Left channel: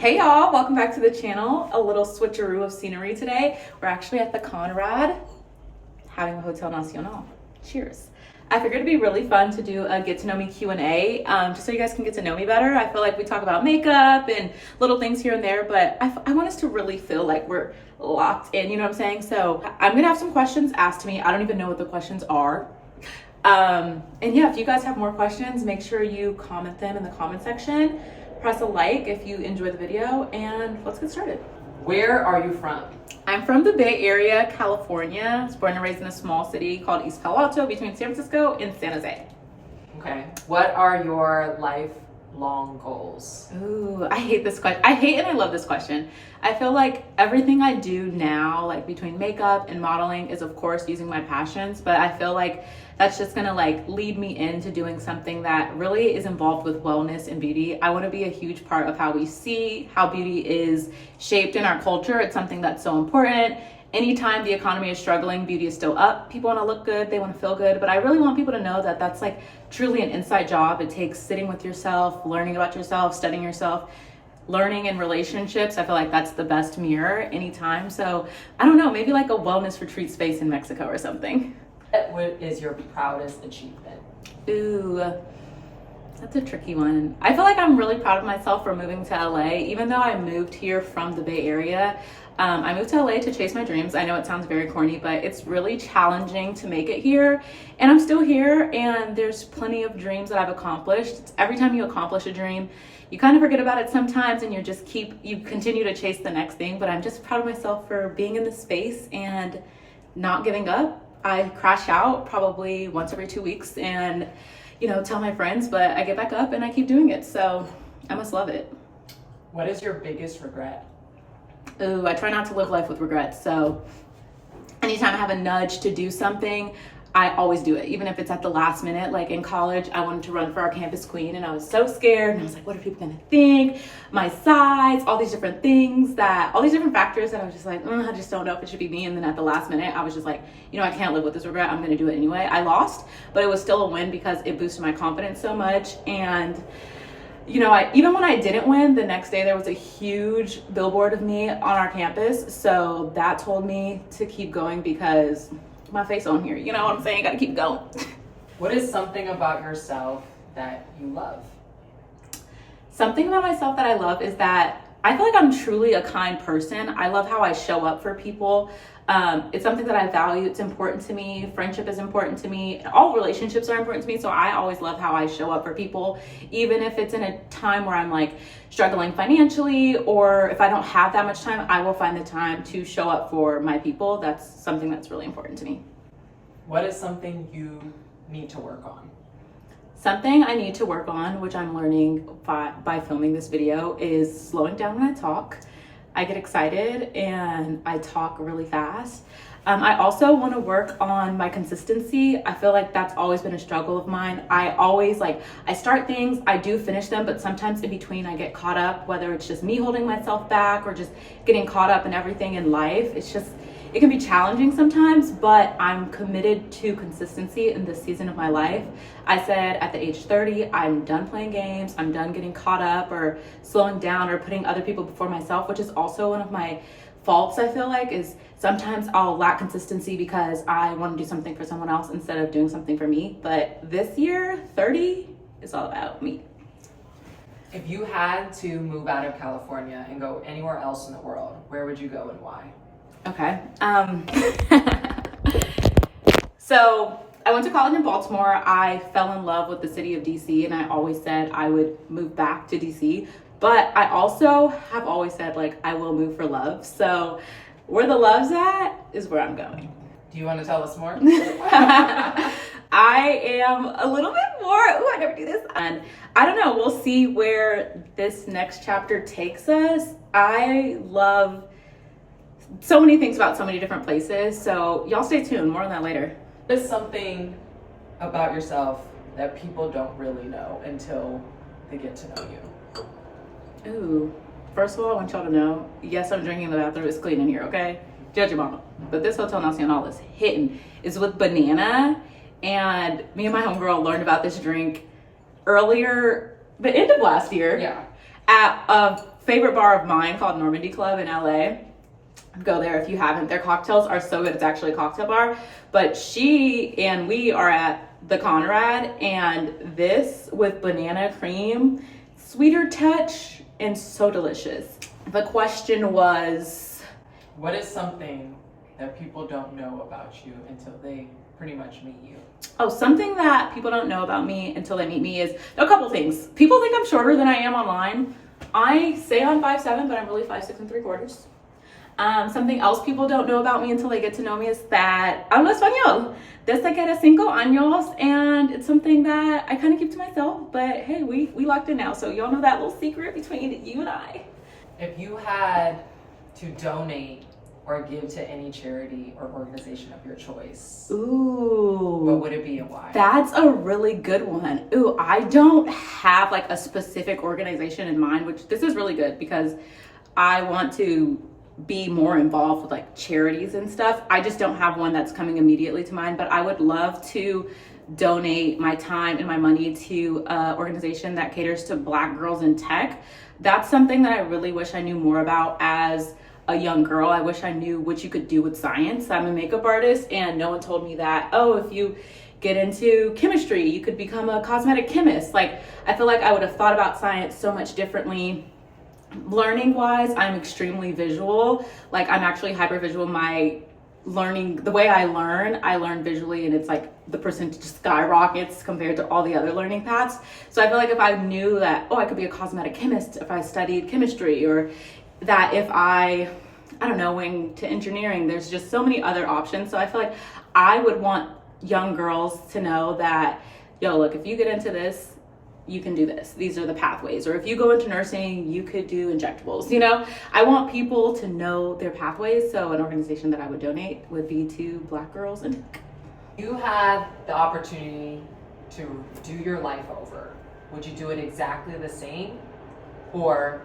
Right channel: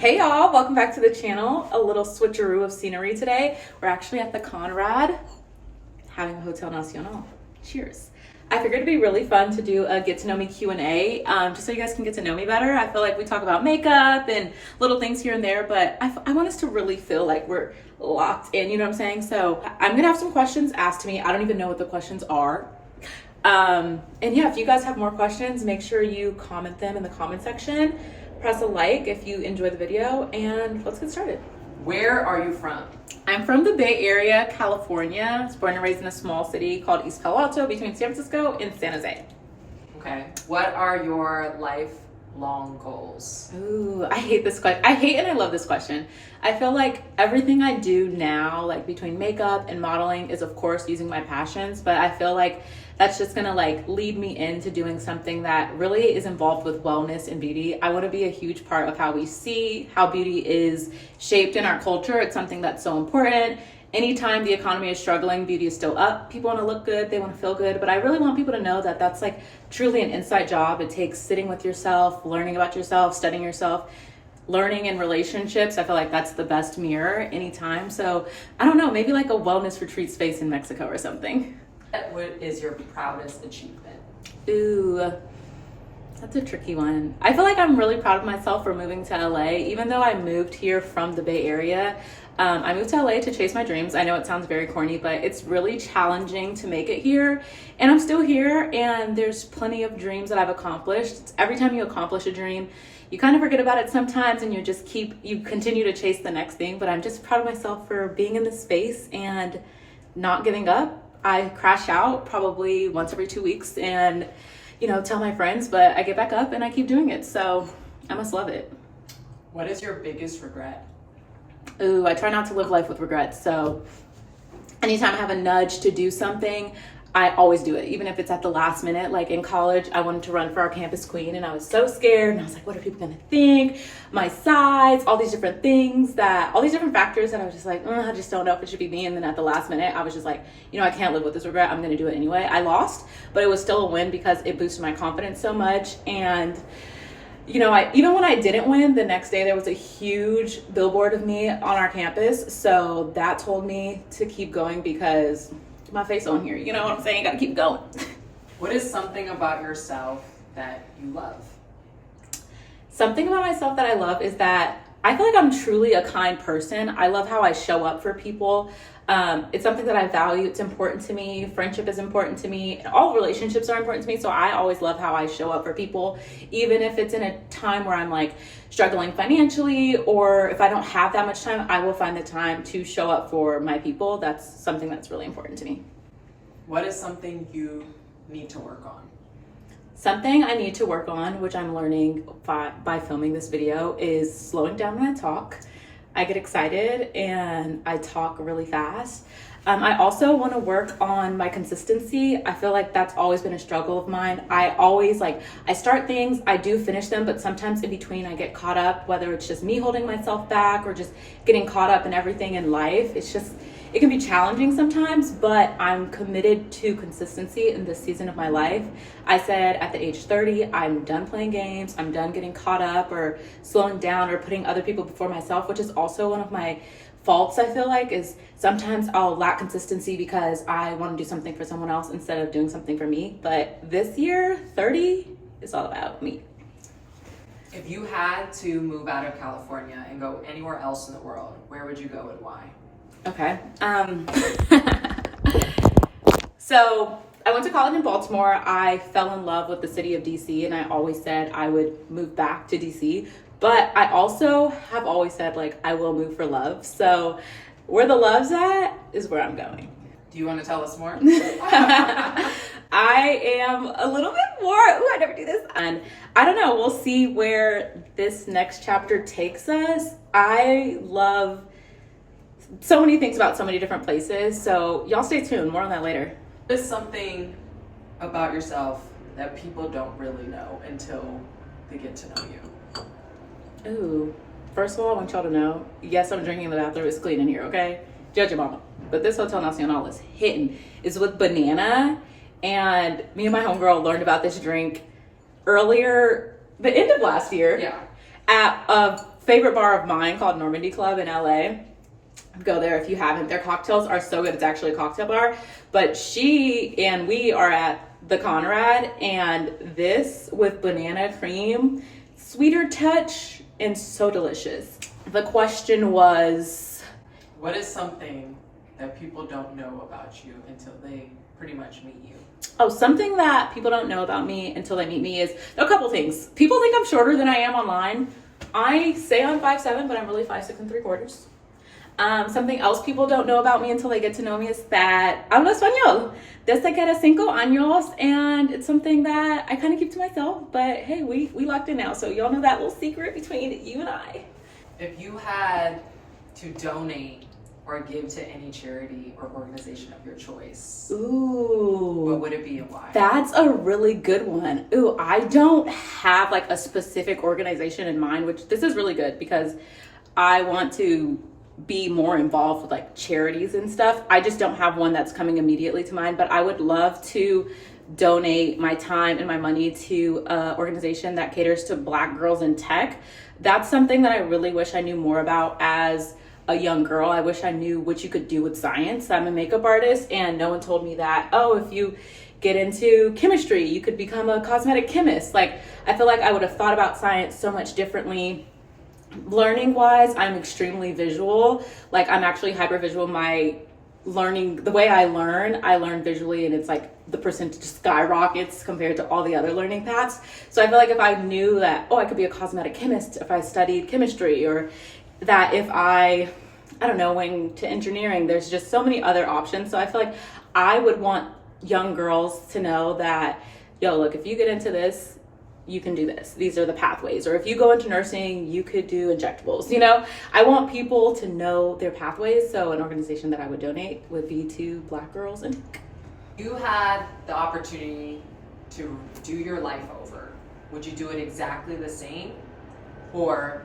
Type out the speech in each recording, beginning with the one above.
Hey y'all, welcome back to the channel. A little switcheroo of scenery today. We're actually at the Conrad having a Hotel Nacional. Cheers. I figured it'd be really fun to do a get to know me Q&A, just so you guys can get to know me better. I feel like we talk about makeup and little things here and there, but I want us to really feel like we're locked in, you know what I'm saying? So I'm gonna have some questions asked to me. I don't even know what the questions are. And yeah, if you guys have more questions, make sure you comment them in the comment section. Press a like if you enjoy the video, and let's get started. Where are you from? I'm from the Bay Area, California. I was born and raised in a small city called East Palo Alto between San Francisco and San Jose. Okay. What are your lifelong goals? Ooh, I hate this question. I hate and I love this question. I feel like everything I do now, like between makeup and modeling, is of course using my passions, but I feel like that's just gonna like lead me into doing something that really is involved with wellness and beauty. I want to be a huge part of how we see how beauty is shaped in our culture. It's something that's so important. Anytime the economy is struggling, beauty is still up. People want to look good, they want to feel good, but I really want people to know that that's like truly an inside job. It takes sitting with yourself, learning about yourself, studying yourself, learning in relationships. I feel like that's the best mirror anytime. So I don't know, maybe like a wellness retreat space in Mexico or something. What is your proudest achievement? Ooh, that's a tricky one. I feel like I'm really proud of myself for moving to LA. Even though I moved here from the Bay Area, I moved to LA to chase my dreams. I know it sounds very corny, but it's really challenging to make it here. And I'm still here, and there's plenty of dreams that I've accomplished. Every time you accomplish a dream, you kind of forget about it sometimes, and you continue to chase the next thing. But I'm just proud of myself for being in this space and not giving up. I crash out probably once every 2 weeks and, tell my friends, but I get back up and I keep doing it. So I must love it. What is your biggest regret? Ooh, I try not to live life with regrets. So anytime I have a nudge to do something, I always do it, even if it's at the last minute. Like in college, I wanted to run for our campus queen and I was so scared. And I was like, what are people gonna think? My size, all these different factors that I was just like, I just don't know if it should be me. And then at the last minute, I was just like, I can't live with this regret. I'm gonna do it anyway. I lost, but it was still a win because it boosted my confidence so much. And even when I didn't win, the next day there was a huge billboard of me on our campus. So that told me to keep going because my face on here, you know what I'm saying? Gotta keep going. What is something about yourself that you love? Something about myself that I love is that I feel like I'm truly a kind person. I love how I show up for people. It's something that I value. It's important to me. Friendship is important to me. All relationships are important to me. So I always love how I show up for people, even if it's in a time where I'm like struggling financially, or if I don't have that much time, I will find the time to show up for my people. That's something that's really important to me. What is something you need to work on? Something I need to work on, which I'm learning by filming this video, is slowing down when I talk. I get excited and I talk really fast. I also want to work on my consistency. I feel like that's always been a struggle of mine. I start things, I do finish them, but sometimes in between I get caught up, whether it's just me holding myself back or just getting caught up in everything in life. It can be challenging sometimes, but I'm committed to consistency in this season of my life. I said at the age 30, I'm done playing games. I'm done getting caught up or slowing down or putting other people before myself, which is also one of my faults. I feel like is sometimes I'll lack consistency because I want to do something for someone else instead of doing something for me. But this year, 30 is all about me. If you had to move out of California and go anywhere else in the world, where would you go and why? Okay. So I went to college in Baltimore. I fell in love with the city of DC, and I always said I would move back to DC. But I also have always said, like, I will move for love. So where the love's at is where I'm going. Do you want to tell us more? I am a little bit more, I never do this. And I don't know, we'll see where this next chapter takes us. I love so many things about so many different places. So y'all stay tuned, more on that later. What is something about yourself that people don't really know until they get to know you? Ooh, first of all, I want y'all to know, yes, I'm drinking in the bathroom. It's clean in here, okay? Judge your mama. But this Hotel Nacional is hitting. It's with banana, and me and my homegirl learned about this drink earlier, the end of last year. Yeah. At a favorite bar of mine called Normandy Club in LA. Go there if you haven't. Their cocktails are so good. It's actually a cocktail bar. But she and we are at the Conrad, and this with banana cream, sweeter touch, and so delicious. The question was, what is something that people don't know about you until they pretty much meet you? Oh, something that people don't know about me until they meet me is a couple things. People think I'm shorter than I am online. I say I'm 5'7", but I'm really 5'6" and 3/4. Something else people don't know about me until they get to know me is that hablo español desde que era 5 años, and it's something that I kind of keep to myself, but hey, we locked in now, so y'all know that little secret between you and I. If you had to donate or give to any charity or organization of your choice, ooh, what would it be and why? That's a really good one. Ooh, I don't have like a specific organization in mind, which this is really good because I want to be more involved with like charities and stuff. I just don't have one that's coming immediately to mind, but I would love to donate my time and my money to an organization that caters to Black girls in tech. That's something that I really wish I knew more about as a young girl. I wish I knew what you could do with science. I'm a makeup artist, and no one told me that, oh, if you get into chemistry, you could become a cosmetic chemist. Like, I feel like I would have thought about science so much differently. Learning wise, I'm extremely visual. Like, I'm actually hyper visual. My learning, the way I learn visually, and it's like the percentage skyrockets compared to all the other learning paths. So I feel like if I knew that, oh, I could be a cosmetic chemist if I studied chemistry, or that if I don't know, went to engineering, there's just so many other options. So I feel like I would want young girls to know that, yo, look, if you get into this, you can do this. These are the pathways. Or if you go into nursing, you could do injectables. You know, I want people to know their pathways. So an organization that I would donate would be to Black girls. And you had the opportunity to do your life over. Would you do it exactly the same? Or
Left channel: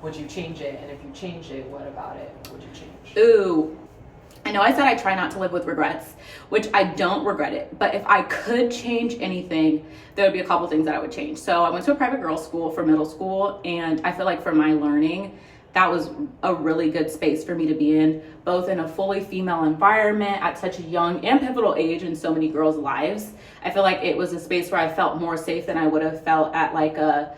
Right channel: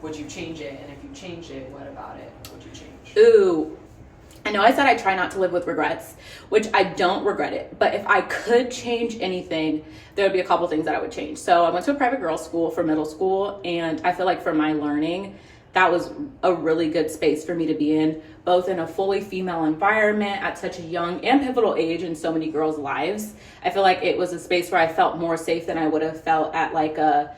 would you change it? And if you change it, what about it would you change? Ooh, I know I said I try not to live with regrets, which I don't regret it. But if I could change anything, there would be a couple things that I would change. So I went to a private girls' school for middle school, and I feel like for my learning, that was a really good space for me to be in, both in a fully female environment at such a young and pivotal age in so many girls' lives. I feel like it was a space where I felt more safe than I would have felt at like a,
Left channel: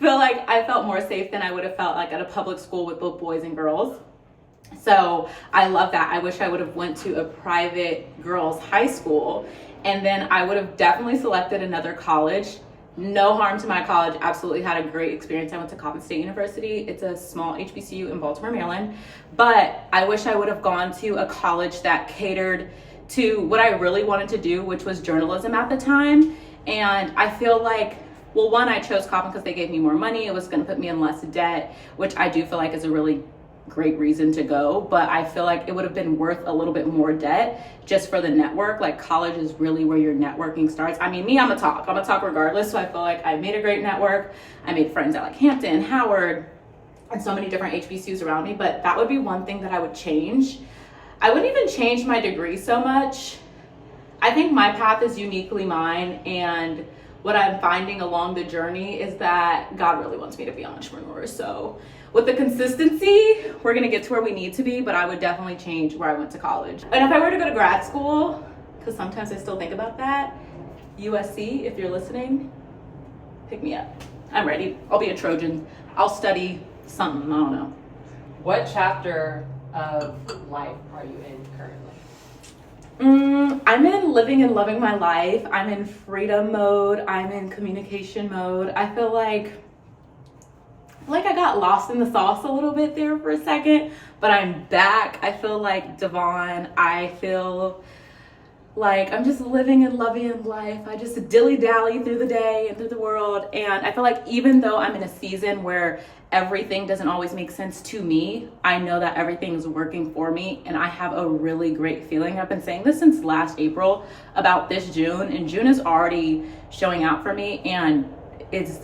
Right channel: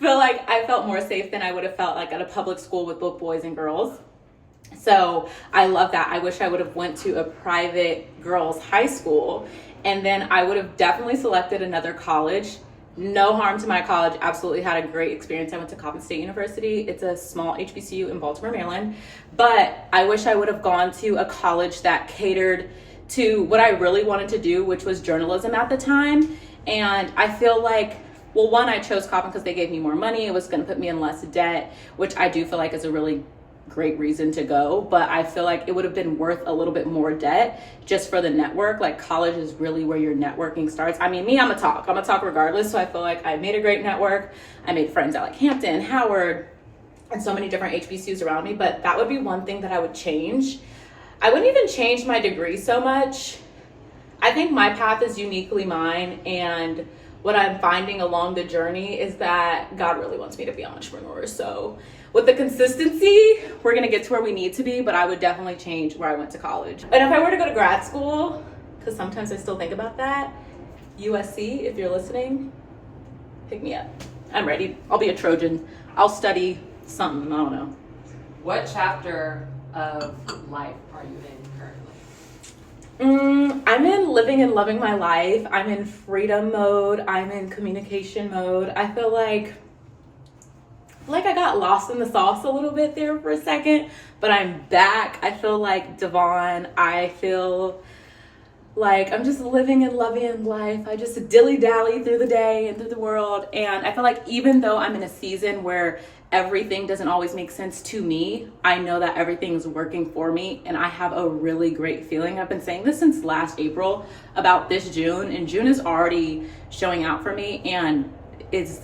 I felt more safe than I would have felt like at a public school with both boys and girls. So I love that. I wish I would have went to a private girls' high school, and then I would have definitely selected another college. No harm to my college. Absolutely had a great experience. I went to Coppin State University. It's a small HBCU in Baltimore, Maryland. But I wish I would have gone to a college that catered to what I really wanted to do, which was journalism at the time. And I feel like, well, one, I chose Coppin because they gave me more money. It was going to put me in less debt, which I do feel like is a really great reason to go, but I feel like it would have been worth a little bit more debt just for the network. Like, college is really where your networking starts. I mean, me, I'm a talk regardless, so I feel like I made a great network. I made friends at like Hampton, Howard, and so many different HBCUs around me, but that would be one thing that I would change. I wouldn't even change my degree so much. I think my path is uniquely mine, and what I'm finding along the journey is that God really wants me to be an entrepreneur. So with the consistency, we're gonna get to where we need to be, but I would definitely change where I went to college. And if I were to go to grad school, because sometimes I still think about that, USC, if you're listening, pick me up. I'm ready. I'll be a Trojan. I'll study something, I don't know. What chapter of life are you in currently? I'm in living and loving my life. I'm in freedom mode. I'm in communication mode. I feel like I got lost in the sauce a little bit there for a second, but I'm back. I feel like Devon. I feel like I'm just living and loving life. I just dilly-dally through the day and through the world. And I feel like even though I'm in a season where everything doesn't always make sense to me, I know that everything is working for me, and I have a really great feeling. I've been saying this since last April about this June, and June is already showing out for me, and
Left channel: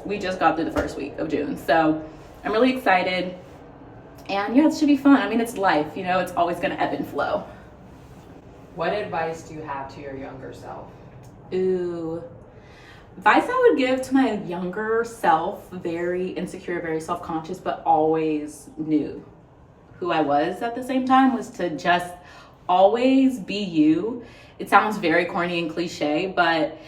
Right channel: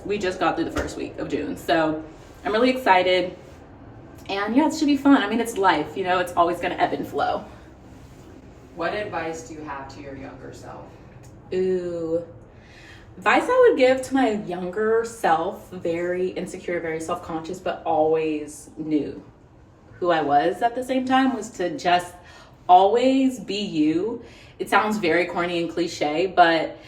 we just got through the first week of June. So I'm really excited, and yeah, it should be fun. I mean, it's life, you know, it's always gonna ebb and flow. What advice do you have to your younger self? Ooh, Advice I would give to my younger self, very insecure, very self-conscious, but always knew who I was at the same time, was to just always be you. It sounds very corny and cliche, but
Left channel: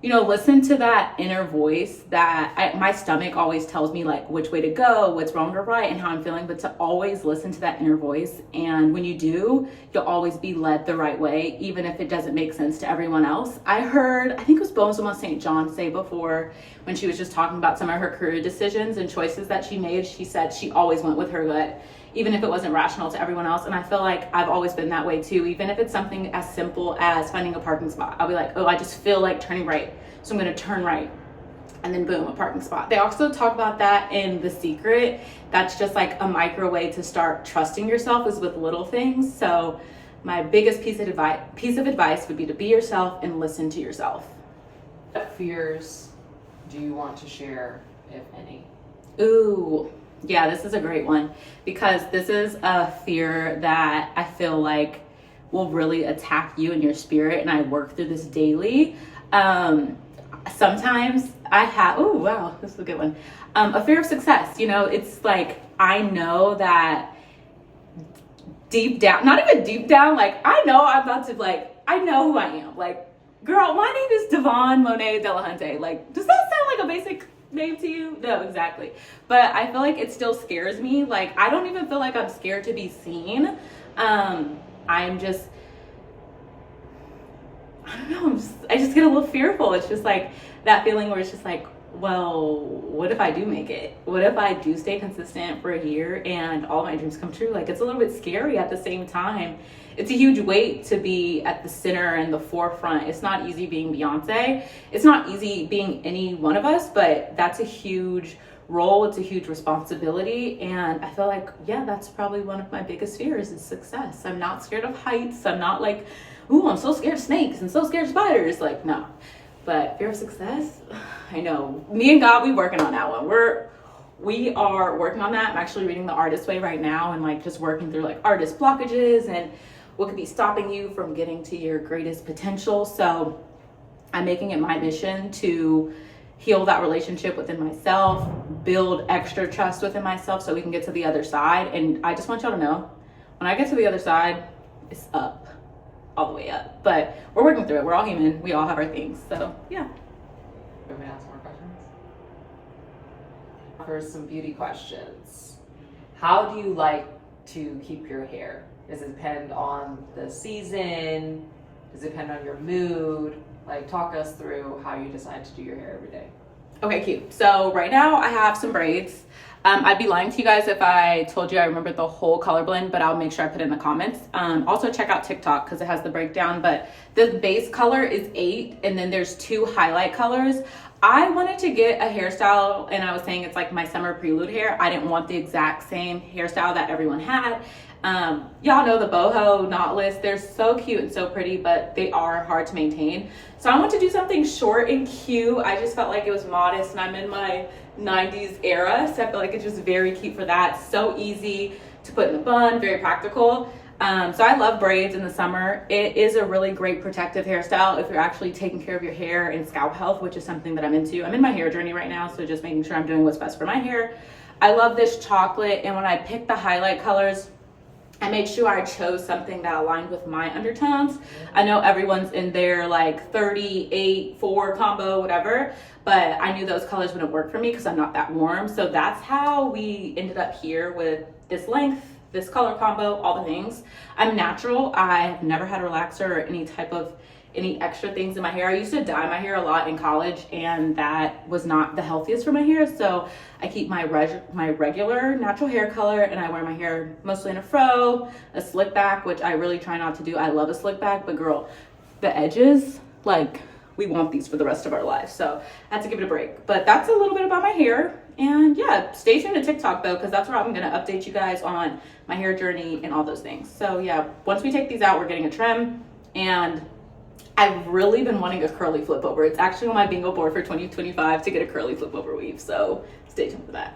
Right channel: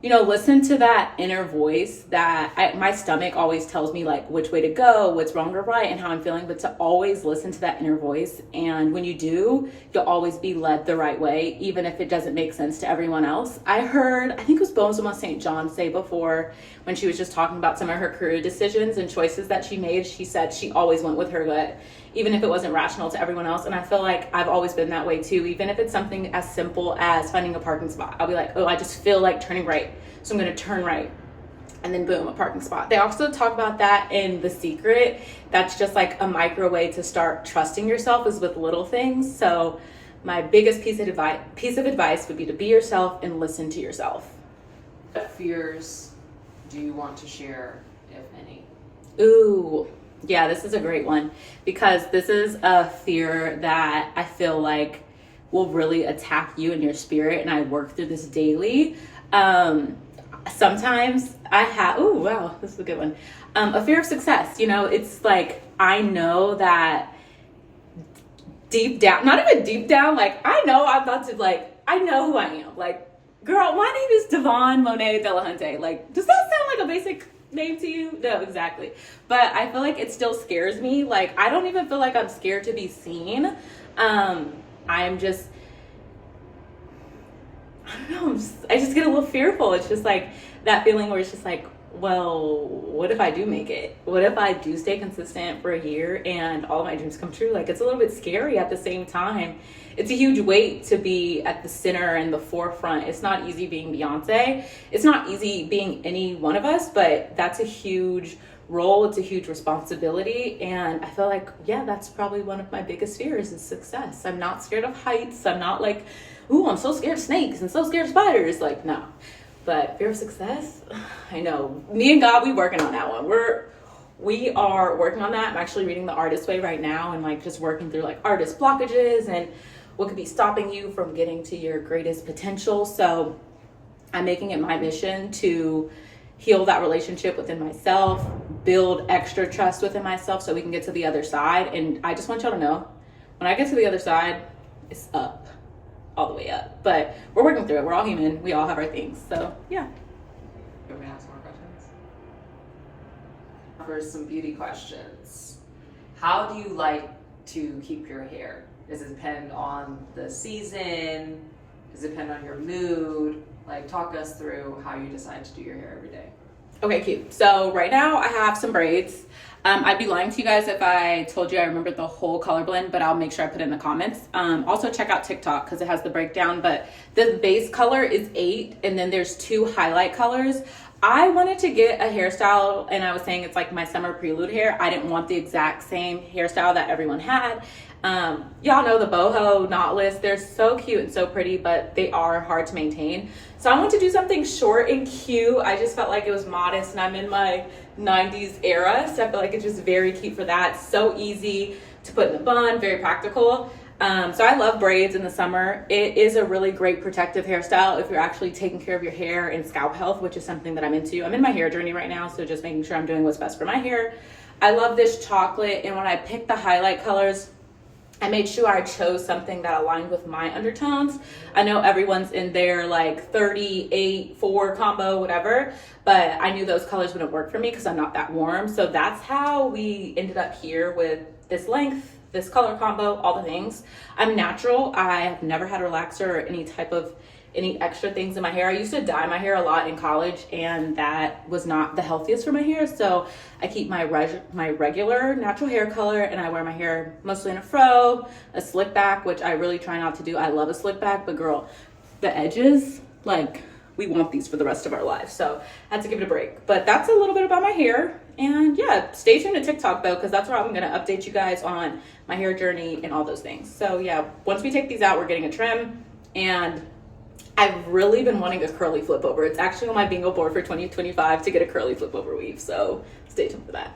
you know, listen to that inner voice that my stomach always tells me like which way to go, what's wrong or right, and how I'm feeling, but to always listen to that inner voice. And when you do, you'll always be led the right way, even if it doesn't make sense to everyone else. I heard, I think it was Bozoma St. John say before, when she was just talking about some of her career decisions and choices that she made, she said she always went with her gut, even if it wasn't rational to everyone else. And I feel like I've always been that way too, even if it's something as simple as finding a parking spot. I'll be like, oh, I just feel like turning right, so I'm gonna turn right, and then boom, a parking spot. They also talk about that in The Secret. That's just like a micro way to start trusting yourself, is with little things. So my biggest piece of advice would be to be yourself and listen to yourself. What fears do you want to share, if any? Ooh, yeah, this is a great one, because this is a fear that I feel like will really attack you and your spirit, and I work through this daily. Sometimes I have, oh wow, this is a good one. A fear of success. You know, it's like, I know that deep down, not even deep down, like I know I'm about to, like, I know who I am. Like, girl, my name is davaughnmona de la Hunte. Like, does that sound like a basic name to you? No, exactly. But I feel like it still scares me. Like, I don't even feel like I'm scared to be seen. I'm just, I don't know, I just get a little fearful. It's just like that feeling where it's just like, well, what if I do make it? What if I do stay consistent for a year and all my dreams come true? Like, it's a little bit scary at the same time. It's a huge weight to be at the center and the forefront. It's not easy being Beyonce. It's not easy being any one of us, but that's a huge role. It's a huge responsibility. And I feel like, yeah, that's probably one of my biggest fears, is success. I'm not scared of heights. I'm not like, ooh, I'm so scared of snakes and so scared of spiders. Like, no. But fear of success, I know. Me and God, we working on that one. We are working on that. I'm actually reading The Artist Way right now, and like just working through like artist blockages and what could be stopping you from getting to your greatest potential. So I'm making it my mission to heal that relationship within myself, build extra trust within myself so we can get to the other side. And I just want y'all to know, when I get to the other side, it's up. All the way up. But we're working through it. We're all human. We all have our things. So yeah. Do we ask more questions? For some beauty questions. How do you like to keep your hair? Does it depend on the season? Does it depend on your mood? Like, talk us through how you decide to do your hair every day. Okay, cute. So right now I have some braids. I'd be lying to you guys if I told you I remembered the whole color blend, but I'll make sure I put it in the comments. Also check out Tik Tok because it has the breakdown, but the base color is 8 and then there's 2 highlight colors. I wanted to get a hairstyle, and I was saying it's like my summer prelude hair. I didn't want the exact same hairstyle that everyone had. Y'all know the boho knotless. They're so cute and so pretty, but they are hard to maintain. So I want to do something short and cute. I just felt like it was modest, and I'm in my 90s era, so I feel like it's just very cute for that. So easy to put in a bun, very practical. So I love braids in the summer. It is a really great protective hairstyle if you're actually taking care of your hair and scalp health, which is something that I'm into. I'm in my hair journey right now, so just making sure I'm doing what's best for my hair. I love this chocolate, and when I picked the highlight colors, I made sure I chose something that aligned with my undertones. I know everyone's in their like 38-4 combo, whatever, but I knew those colors wouldn't work for me because I'm not that warm. So that's how we ended up here with this length, this color combo, all the things. I'm natural. I have never had a relaxer or any extra things in my hair. I used to dye my hair a lot in college, and that was not the healthiest for my hair. So I keep my regular natural hair color, and I wear my hair mostly in a fro, a slick back, which I really try not to do. I love a slick back, but girl, the edges, like, we want these for the rest of our lives. So I had to give it a break. But that's a little bit about my hair. And yeah, stay tuned to TikTok though, because that's where I'm gonna update you guys on my hair journey and all those things. So yeah, once we take these out, we're getting a trim, and I've really been wanting a curly flip over. It's actually on my bingo board for 2025 to get a curly flip over weave. So stay tuned for that.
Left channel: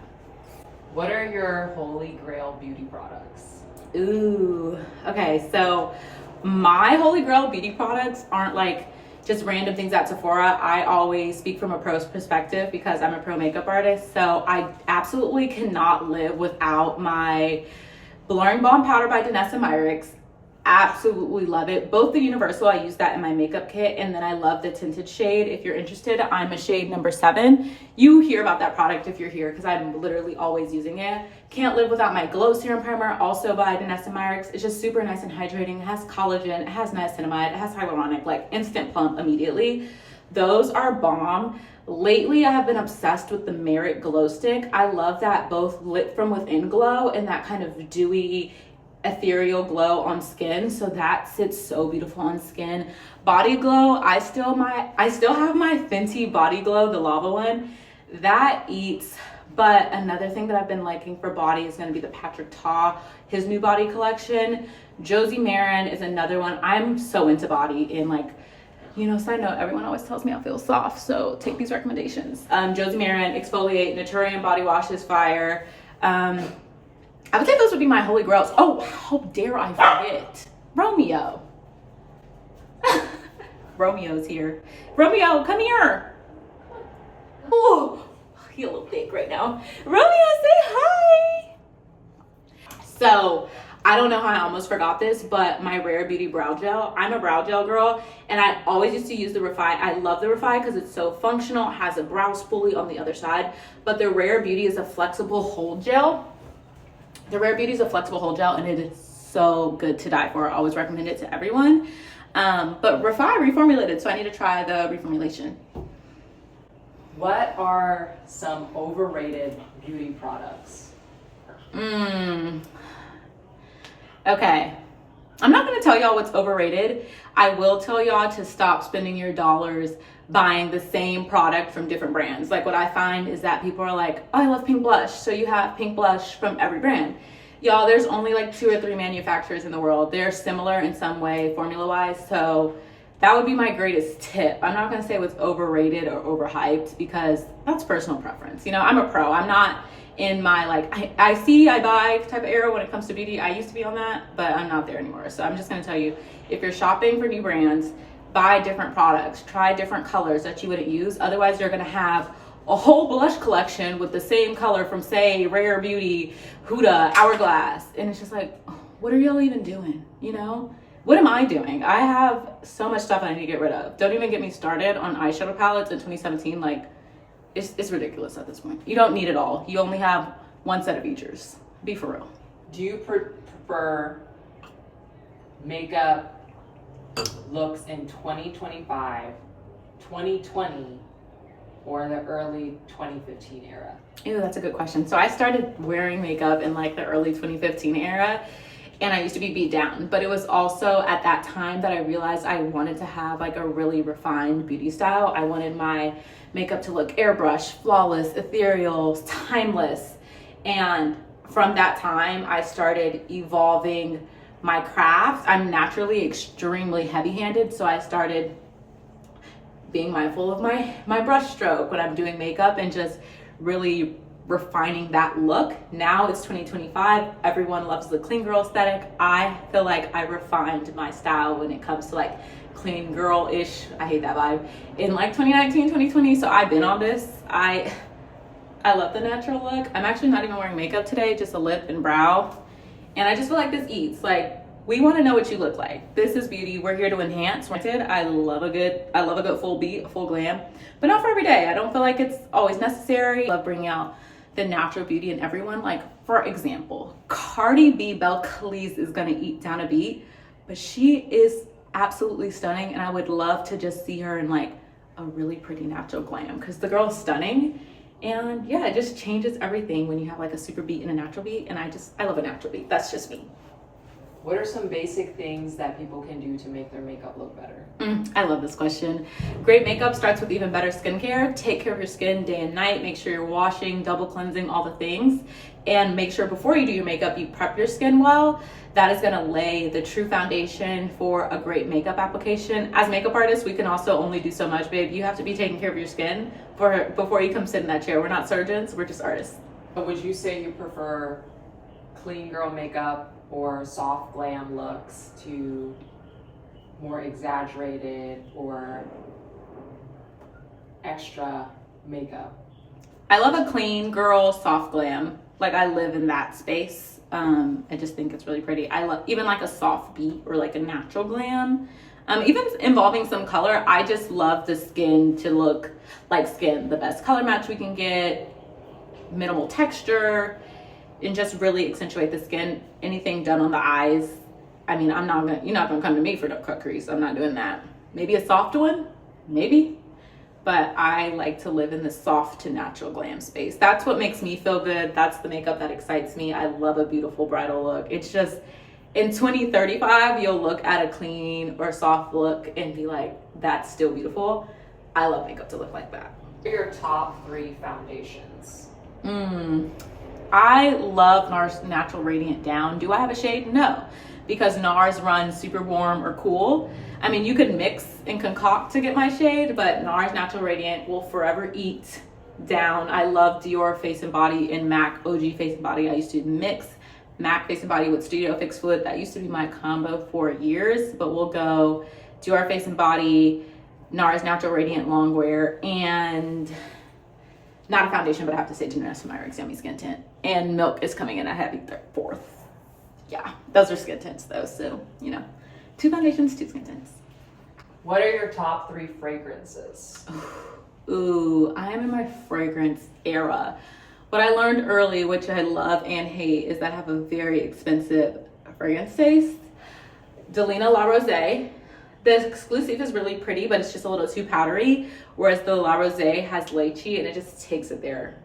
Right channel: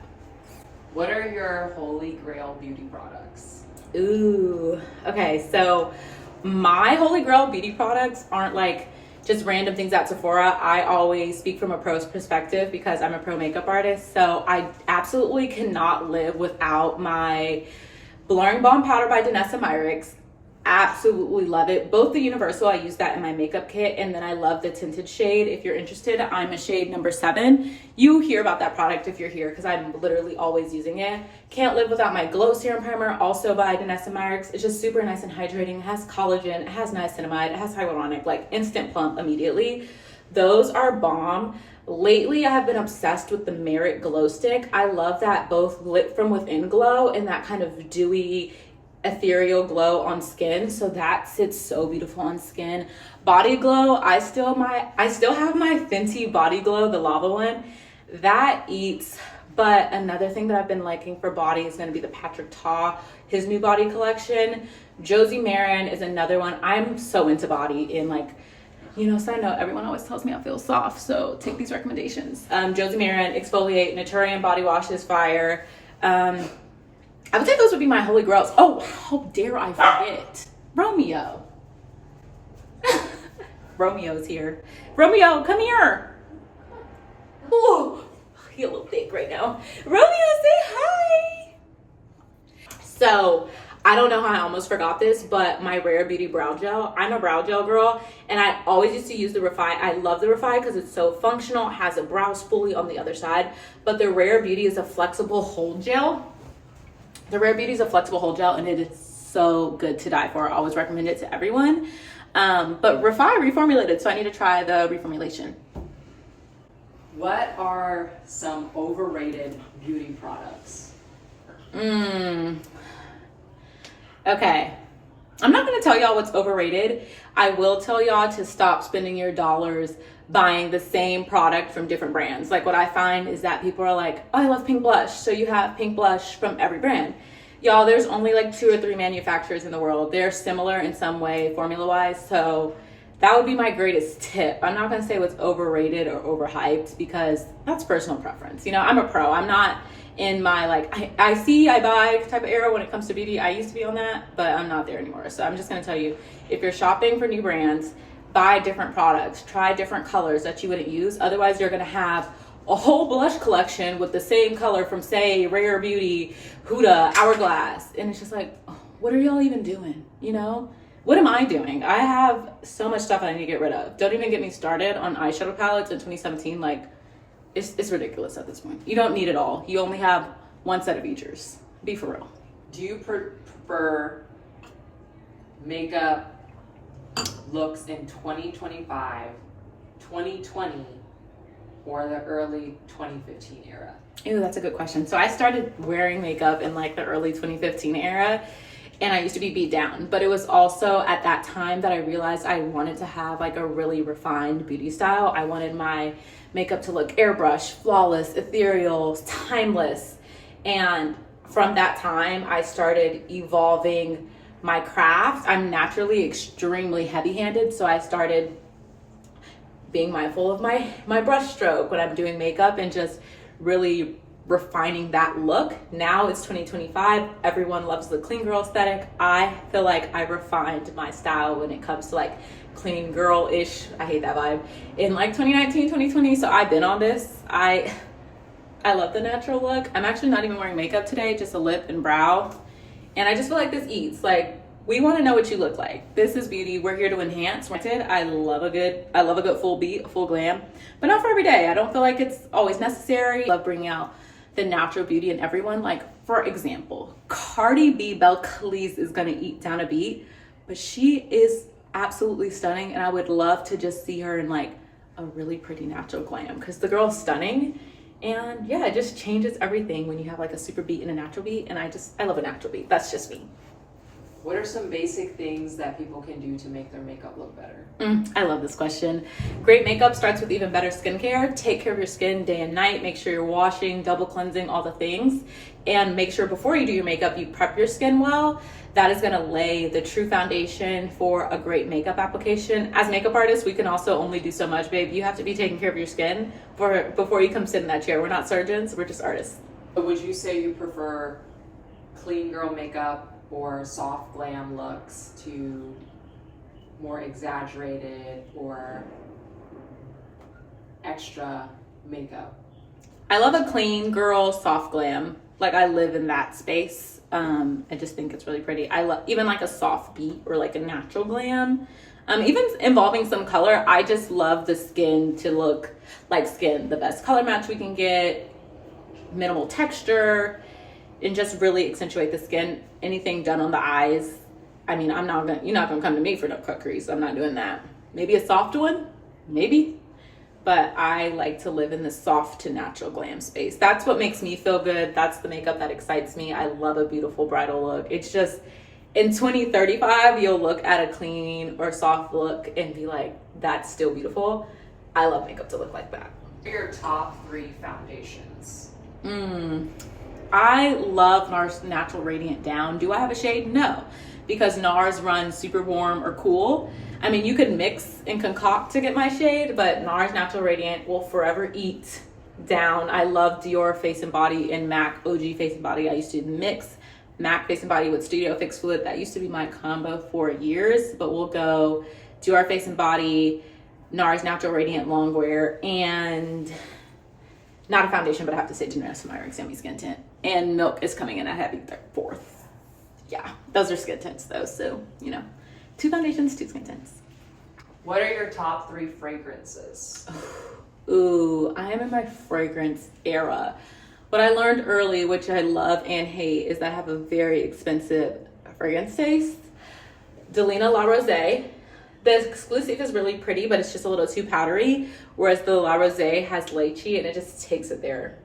What are your holy grail beauty products? Ooh, okay. So my holy grail beauty products aren't like just random things at Sephora. I always speak from a pro's perspective because I'm a pro makeup artist. So I absolutely cannot live without my Blurring Balm Powder by Danessa Myricks. Absolutely love it. Both the universal, I use that in my makeup kit, and then I love the tinted shade. If you're interested, I'm a shade number 7. You hear about that product if you're here because I'm literally always using it. Can't live without my Glow Serum Primer, also by Danessa Myricks. It's just super nice and hydrating. It has collagen, it has niacinamide, it has hyaluronic, like instant plump immediately. Those are bomb. Lately, I have been obsessed with the Merit Glow Stick. I love that both lit from within glow and that kind of dewy, ethereal glow on skin. So that sits so beautiful on skin. Body glow, I still have my Fenty Body Glow, the lava one. That eats. But another thing that I've been liking for body is going to be the Patrick Ta, his new body collection. Josie Maran is another one. I'm so into body in like, you know, side note, everyone always tells me I feel soft, so take these recommendations. Josie Maran, Exfoliate, Naturium Body Wash is fire. I would say those would be my holy grails. Oh, how dare I forget? Romeo. Romeo's here. Romeo, come here. Oh, you're a little thick right now. Romeo, say hi. So, I don't know how I almost forgot this, but my Rare Beauty brow gel. I'm a brow gel girl, and I always used to use the Refi. I love the Refi because it's so functional. It has a brow spoolie on the other side, but the Rare Beauty is a flexible hold gel. The Rare Beauty is a flexible hold gel, and it is so good to die for. I always recommend it to everyone. But Refi reformulated, so I need to try the reformulation. What are some overrated beauty products? Okay. I'm not going to tell y'all what's overrated. I will tell y'all to stop spending your dollars buying the same product from different brands. Like what I find is that people are like, oh, I love pink blush. So you have pink blush from every brand. Y'all, there's only like 2 or 3 manufacturers in the world. They're similar in some way formula wise. So that would be my greatest tip. I'm not going to say what's overrated or overhyped because that's personal preference. You know, I'm a pro. I'm not in my like, I see, I buy type of era when it comes to beauty. I used to be on that, but I'm not there anymore. So I'm just going to tell you, if you're shopping for new brands, buy different products, try different colors that you wouldn't use. Otherwise, you're going to have a whole blush collection with the same color from, say, Rare Beauty, Huda, Hourglass. And it's just like, oh, what are y'all even doing? You know? What am I doing? I have so much stuff I need to get rid of. Don't even get me started on eyeshadow palettes in 2017. Like, it's ridiculous at this point. You don't need it all. You only have one set of features. Be for real. Do you prefer makeup looks in 2025, 2020, or the early 2015 era? Ooh, that's a good question. So I started wearing makeup in like the early 2015 era, and I used to be beat down. But it was also at that time that I realized I wanted to have like a really refined beauty style. I wanted my makeup to look airbrush, flawless, ethereal, timeless. And from that time, I started evolving my craft. I'm naturally extremely heavy-handed, so I started being mindful of my brush stroke when I'm doing makeup and just really refining that look. Now it's 2025. Everyone loves the clean girl aesthetic. I feel like I refined my style when it comes to like clean girl-ish. I hate that vibe. In like 2019, 2020. So I've been on this. I love the natural look. I'm actually not even wearing makeup today, just a lip and brow. And I just feel like this eats. Like, we want to know what you look like. This is beauty. We're here to enhance. I love a good full beat, a full glam, but not for every day. I don't feel like it's always necessary. I love bringing out the natural beauty in everyone. Like, for example, Cardi B Belcalis is gonna eat down a beat, but she is absolutely stunning, and I would love to just see her in like a really pretty natural glam because the girl's stunning. And yeah, it just changes everything when you have like a super beat and a natural beat. And I love a natural beat. That's just me. What are some basic things that people can do to make their makeup look better? I love this question. Great makeup starts with even better skincare. Take care of your skin day and night. Make sure you're washing, double cleansing, all the things. And make sure before you do your makeup, you prep your skin well. That is gonna lay the true foundation for a great makeup application. As makeup artists, we can also only do so much, babe. You have to be taking care of your skin before you come sit in that chair. We're not surgeons, we're just artists. But would you say you prefer clean girl makeup or soft glam looks to more exaggerated or extra makeup? I love a clean girl, soft glam. Like I live in that space. I just think it's really pretty. I love even like a soft beat or like a natural glam. Even involving some color, I just love the skin to look like skin. The best color match we can get, minimal texture, and just really accentuate the skin. Anything done on the eyes, I mean, you're not gonna come to me for no cut crease. I'm not doing that. Maybe a soft one, maybe. But I like to live in the soft to natural glam space. That's what makes me feel good. That's the makeup that excites me. I love a beautiful bridal look. It's just, in 2035, you'll look at a clean or soft look and be like, that's still beautiful. I love makeup to look like that. What are your top 3 foundations? I love NARS Natural Radiant Down. Do I have a shade? No, because NARS runs super warm or cool. I mean, you could mix and concoct to get my shade, but NARS Natural Radiant will forever eat down. I love Dior Face and Body and MAC OG Face and Body. I used to mix MAC Face and Body with Studio Fix Fluid. That used to be my combo for years, but we'll go Dior Face and Body, NARS Natural Radiant Longwear, and not a foundation, but I have to say Janessa Myricks Yummy Skin Tint. And Milk is coming in a heavy 4th. Yeah, those are skin tints though, so, 2 foundations, 2 skin tints. What are your top 3 fragrances? Ooh, I am in my fragrance era. What I learned early, which I love and hate, is that I have a very expensive fragrance taste. Delina La Rose. The exclusive is really pretty, but it's just a little too powdery, whereas the La Rose has lychee and it just takes it there.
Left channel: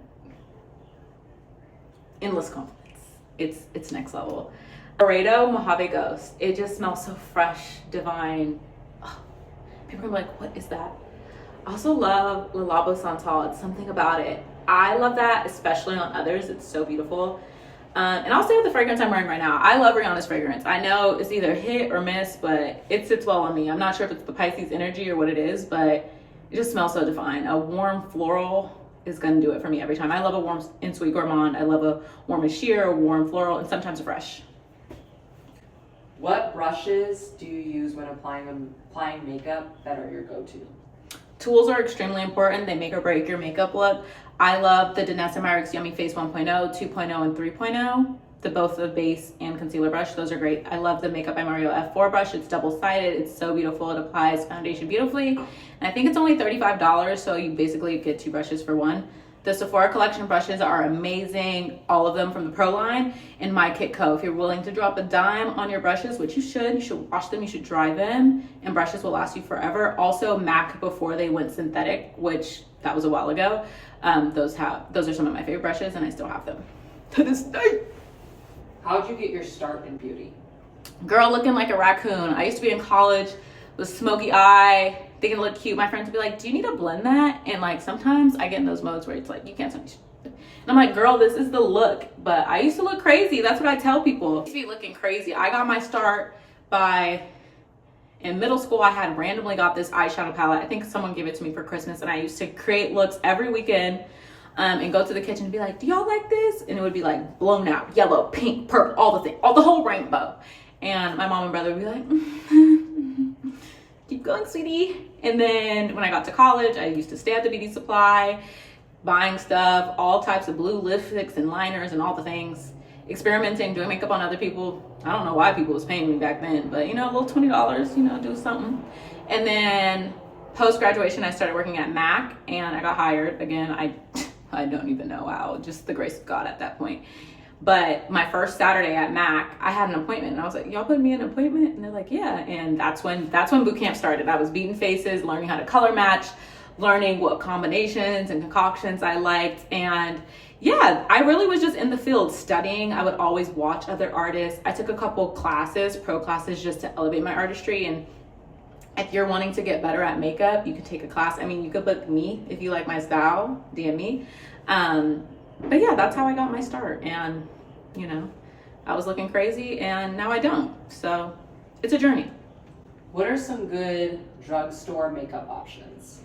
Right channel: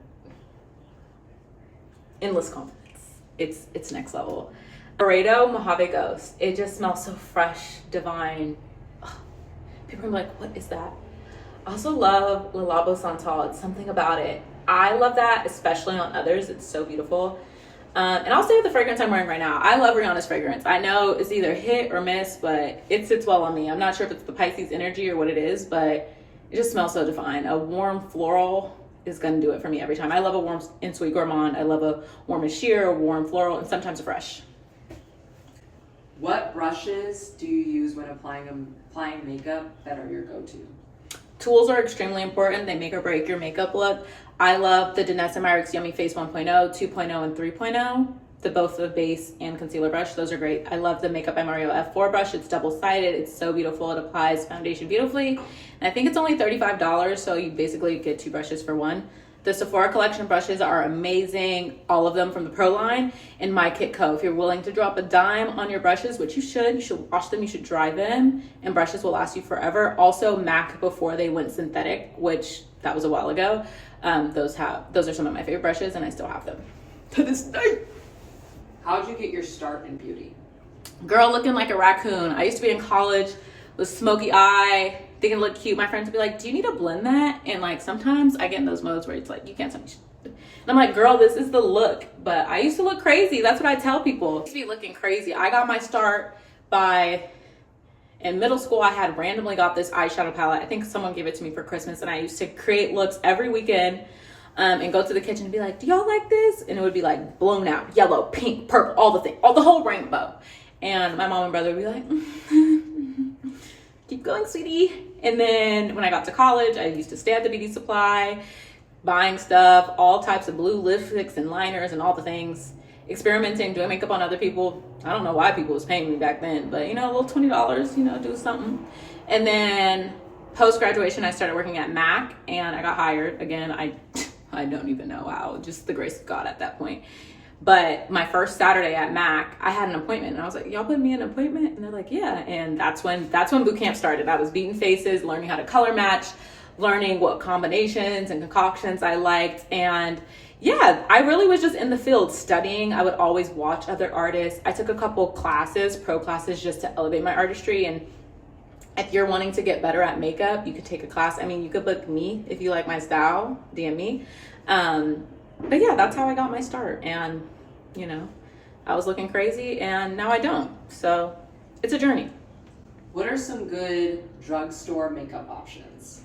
Endless confidence. It's next level. Laredo Mojave Ghost. It just smells so fresh, divine. Oh, people are like, what is that? I also love Le Labo Santal. It's something about it. I love that, especially on others. It's so beautiful. And I'll say with the fragrance I'm wearing right now, I love Rihanna's fragrance. I know it's either hit or miss, but it sits well on me. I'm not sure if it's the Pisces energy or what it is, but it just smells so divine. A warm floral is gonna do it for me every time. I love a warm and sweet gourmand. I love a warm and sheer, a warm floral, and sometimes a fresh. What brushes do you use when applying makeup that are your go-to? Tools are extremely important. They make or break your makeup look. I love the Janessa Myricks Yummy Face 1.0, 2.0, and 3.0. Both the base and concealer brush. Those are great. I love the Makeup by Mario F4 brush. It's double-sided. It's so beautiful. It applies foundation beautifully. And I think it's only $35, so you basically get 2 brushes for 1. The Sephora collection brushes are amazing. All of them from the Pro line and My Kit Co. If you're willing to drop a dime on your brushes, which you should wash them, you should dry them, and brushes will last you forever. Also MAC before they went synthetic, which that was a while ago. Those are some of my favorite brushes and I still have them to this day. How'd you get your start in beauty? Girl, looking like a raccoon. I used to be in college with smoky eye, thinking it looked cute. My friends would be like, do you need to blend that? And like, sometimes I get in those modes where it's like, you can't tell me shit. And I'm like, girl, this is the look. But I used to look crazy. That's what I tell people. I used to be looking crazy. I got my start in middle school. I had randomly got this eyeshadow palette. I think someone gave it to me for Christmas, and I used to create looks every weekend and go to the kitchen and be like, do y'all like this? And it would be like blown out, yellow, pink, purple, all the whole rainbow. And my mom and brother would be like, keep going, sweetie. And then when I got to college, I used to stay at the beauty supply, buying stuff, all types of blue lipsticks and liners and all the things, experimenting, doing makeup on other people. I don't know why people was paying me back then, but a little $20, do something. And then post-graduation, I started working at MAC and I got hired. Again, I don't even know how, just the grace of God at that point. But my first Saturday at MAC, I had an appointment and I was like, y'all put me in an appointment? And they're like, yeah. And that's when boot camp started. I was beating faces, learning how to color match, learning what combinations and concoctions I liked. And yeah, I really was just in the field studying. I would always watch other artists. I took a couple classes, pro classes, just to elevate my artistry. And if you're wanting to get better at makeup, you could take a class. I mean, you could book me if you like my style, DM me. But yeah, that's how I got my start. And, I was looking crazy and now I don't. So it's a journey. What are some good drugstore makeup options?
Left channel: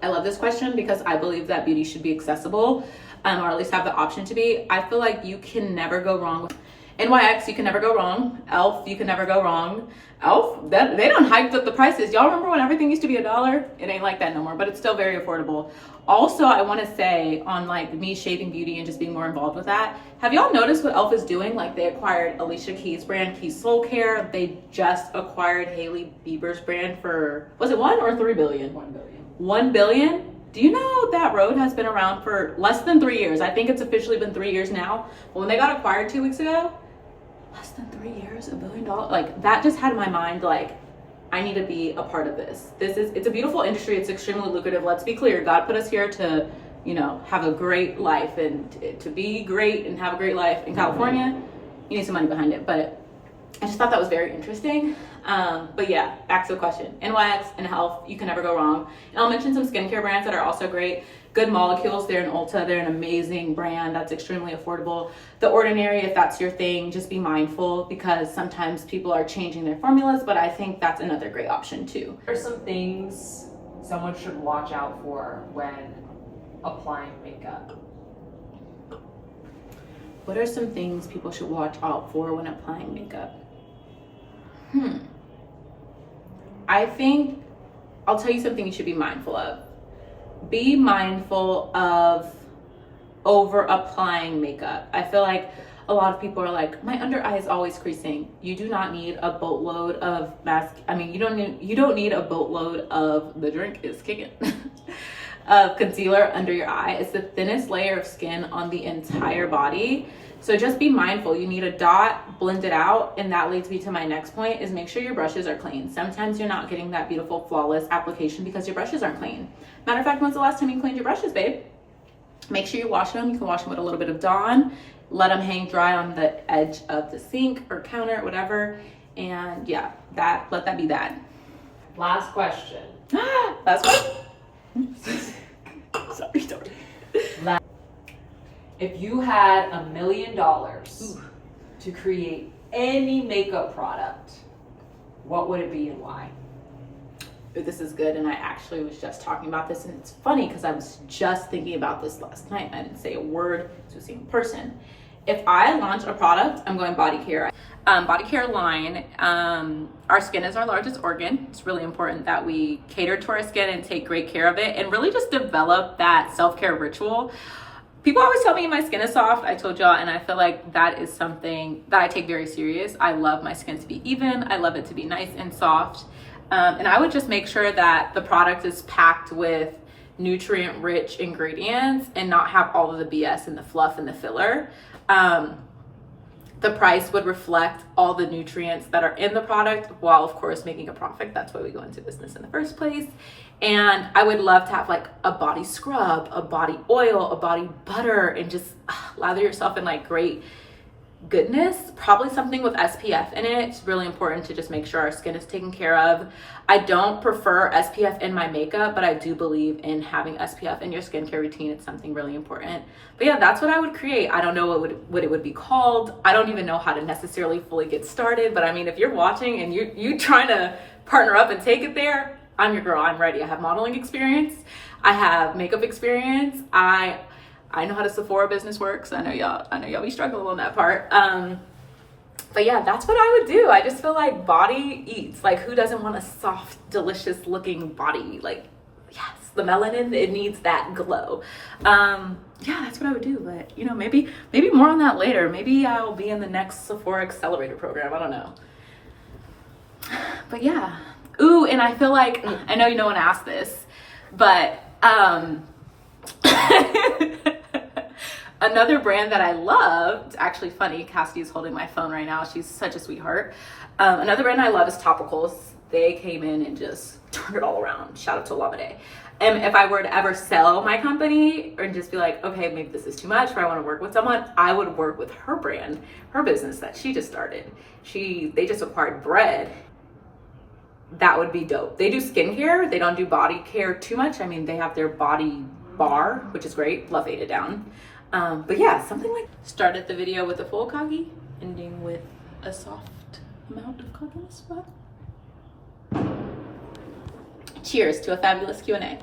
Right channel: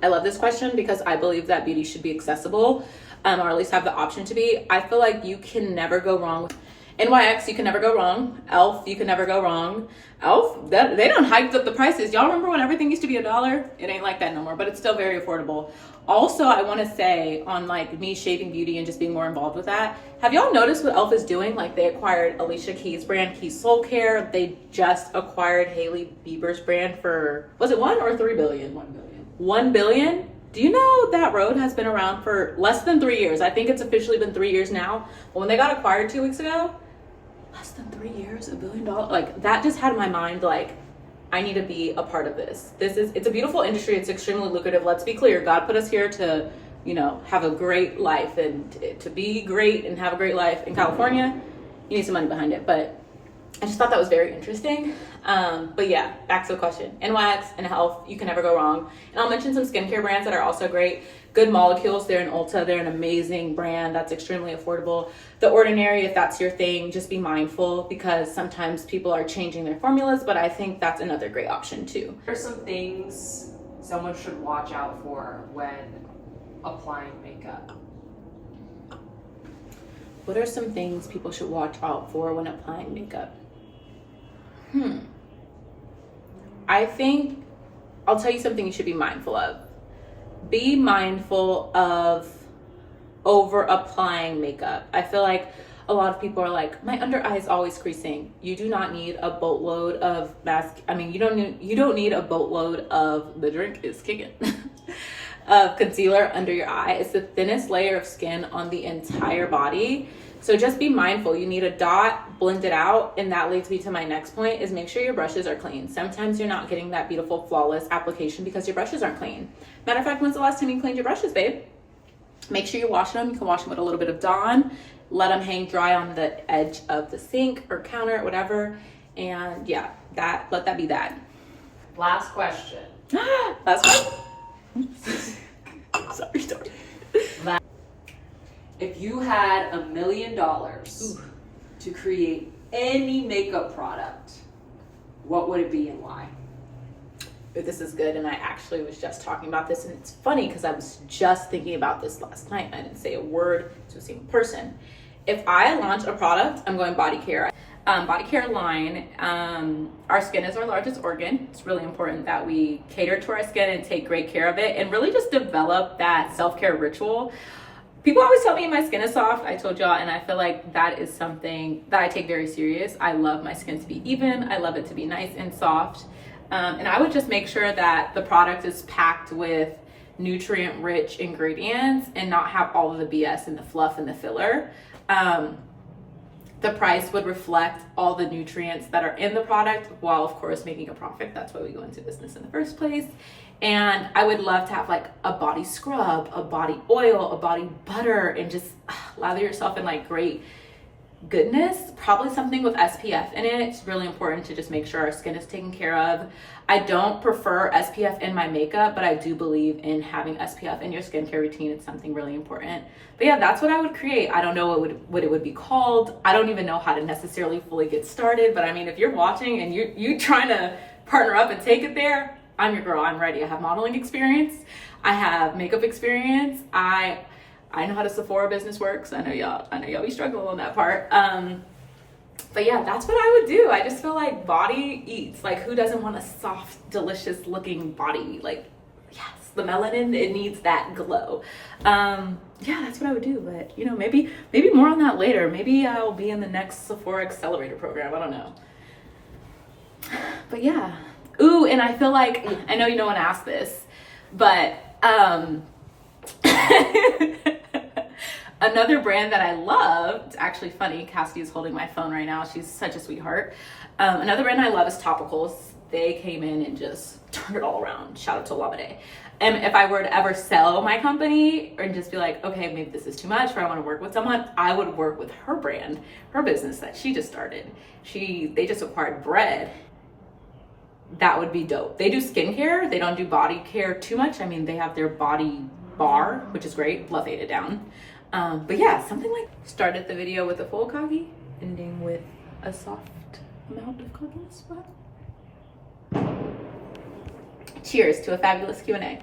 I love this question because I believe that beauty should be accessible, or at least have the option to be. I feel like you can never go wrong with, NYX, you can never go wrong. Elf, you can never go wrong. Elf, they done hiked up the prices. Y'all remember when everything used to be $1? It ain't like that no more, but it's still very affordable. Also, I want to say on like me shaving beauty and just being more involved with that, have y'all noticed what Elf is doing? Like they acquired Alicia Keys' brand, Keys Soul Care. They just acquired Hailey Bieber's brand for, was it 1 or 3 billion? 1 billion. 1 billion? Do you know that road has been around for less than 3 years? I think it's officially been 3 years now. But when they got acquired 2 weeks ago, less than 3 years, $1 billion. Like that just had in my mind, like, I need to be a part of this. It's a beautiful industry. It's extremely lucrative. Let's be clear. God put us here to, you know, have a great life, and to be great and have a great life in California, you need some money behind it. But I just thought that was very interesting. But yeah, back to the question. NYX and Health, you can never go wrong. And I'll mention some skincare brands that are also great. Good Molecules, they're in Ulta. They're an amazing brand that's extremely affordable. The Ordinary, if that's your thing, just be mindful because sometimes people are changing their formulas, but I think that's another great option too. What are some things someone should watch out for when applying makeup? What are some things people should watch out for when applying makeup? I think I'll tell you something you should be mindful of. Be mindful of over applying makeup. I feel like a lot of people are like, my under eye is always creasing. You do not need a boatload of mask. I mean, you don't need a boatload of, the drink is kicking, of concealer under your eye. It's the thinnest layer of skin on the entire body. So just be mindful. You need a dot, blend it out, and that leads me to my next point is make sure your brushes are clean. Sometimes you're not getting that beautiful, flawless application because your brushes aren't clean. Matter of fact, when's the last time you cleaned your brushes, babe? Make sure you wash them. You can wash them with a little bit of Dawn. Let them hang dry on the edge of the sink or counter, whatever. And yeah, let that be that. Last question. Last question. Sorry. If you had $1 million to create any makeup product, what would it be and why? This is good, and I actually was just talking about this, and it's funny because I was just thinking about this last night and I didn't say a word to a single person. If I launch a product, I'm going body care. Body care line, our skin is our largest organ. It's really important that we cater to our skin and take great care of it and really just develop that self-care ritual. People always tell me my skin is soft. I told y'all, and I feel like that is something that I take very serious. I love my skin to be even. I love it to be nice and soft. And I would just make sure that the product is packed with nutrient-rich ingredients and not have all of the BS and the fluff and the filler. The price would reflect all the nutrients that are in the product while, of course, making a profit. That's why we go into business in the first place. And I would love to have like a body scrub, a body oil, a body butter, and just lather yourself in like great goodness. Probably something with SPF in it. It's really important to just make sure our skin is taken care of. I don't prefer SPF in my makeup, but I do believe in having SPF in your skincare routine. It's something really important. But yeah, that's what I would create. I don't know what it would be called. I don't even know how to necessarily fully get started. But I mean, if you're watching and you trying to partner up and take it there, I'm your girl. I'm ready. I have modeling experience. I have makeup experience. I know how the Sephora business works. I know y'all be struggling on that part. But yeah, that's what I would do. I just feel like body eats. Like, who doesn't want a soft, delicious looking body? Like, yes, the melanin, it needs that glow. Yeah, that's what I would do. But you know, maybe more on that later. Maybe I'll be in the next Sephora Accelerator program. I don't know. But yeah. Ooh, and I feel like, I know no one asked this, but another brand that I love, it's actually funny, Cassidy is holding my phone right now. She's such a sweetheart. Another brand I love is Topicals. They came in and just turned it all around. Shout out to Lamade. And if I were to ever sell my company or just be like, okay, maybe this is too much, or I want to work with someone, I would work with her brand, her business that she just started. They just acquired Bread. That would be dope. They do skincare. They don't do body care too much. I mean, they have their body bar, which is great. Love Ate It Down. But yeah, something like started the video with a full kagi, ending with a soft amount of kagi on the spot. Cheers to a fabulous Q&A.